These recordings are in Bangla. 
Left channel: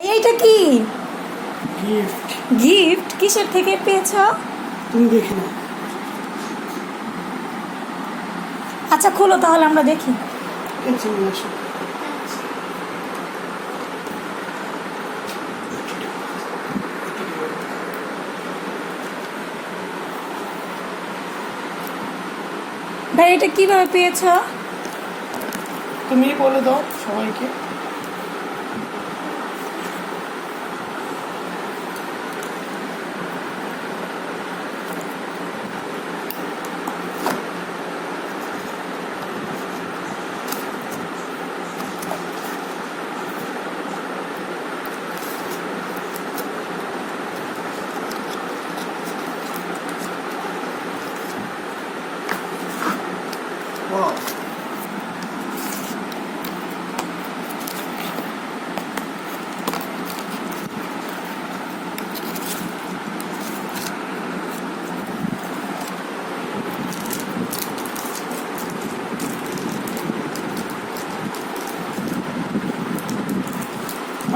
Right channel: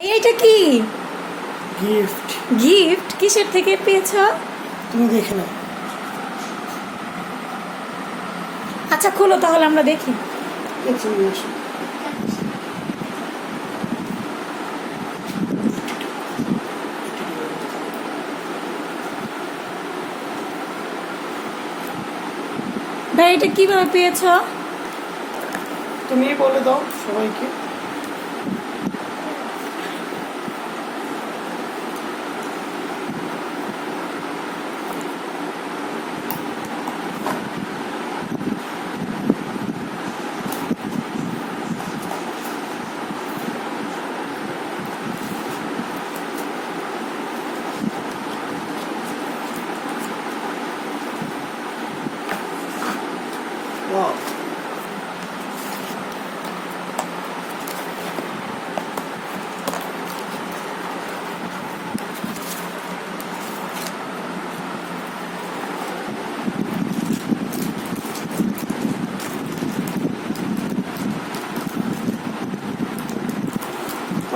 এইটা কি? গিফট গিফট কিসের থেকে পেয়েছ? তুমি দেখে নাও। আচ্ছা খোলো তাহলে আমরা দেখি। ভাই এটা কীভাবে পেয়েছ? তুমি বলে দাও সবাইকে।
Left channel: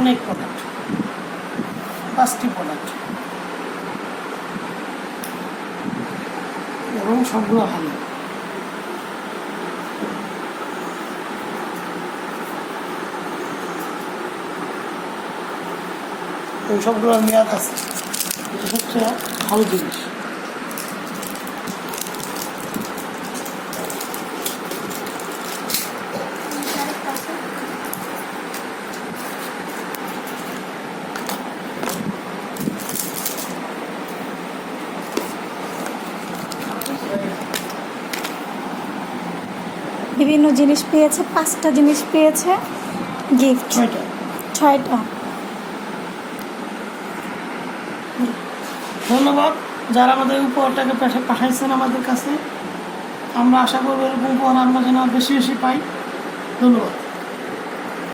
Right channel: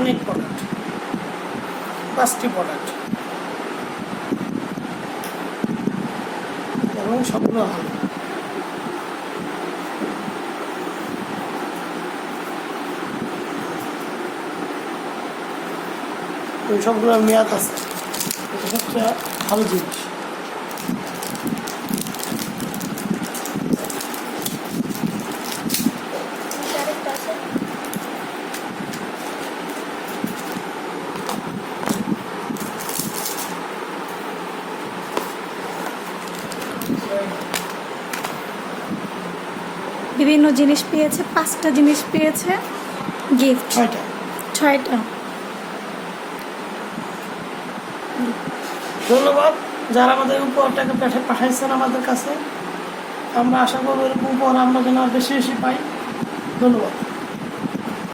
অনেক প্রোডাক্ট পাঁচটি প্রোডাক্ট এবং সবগুলো ভালো। ওই সবগুলোর মেয়াদ আছে। এটা সবচেয়ে ভালো জিনিস। বিভিন্ন জিনিস পেয়েছে পাঁচটা জিনিস পেয়েছে গিফট ছয়টা ছয়টা ধন্যবাদ। যারা আমাদের উপহারটাকে পাঠাইছেন আমাদের কাছে, আমরা আশা করব এরকম উপহার আমরা যেন বেশি বেশি পাই। ধন্যবাদ।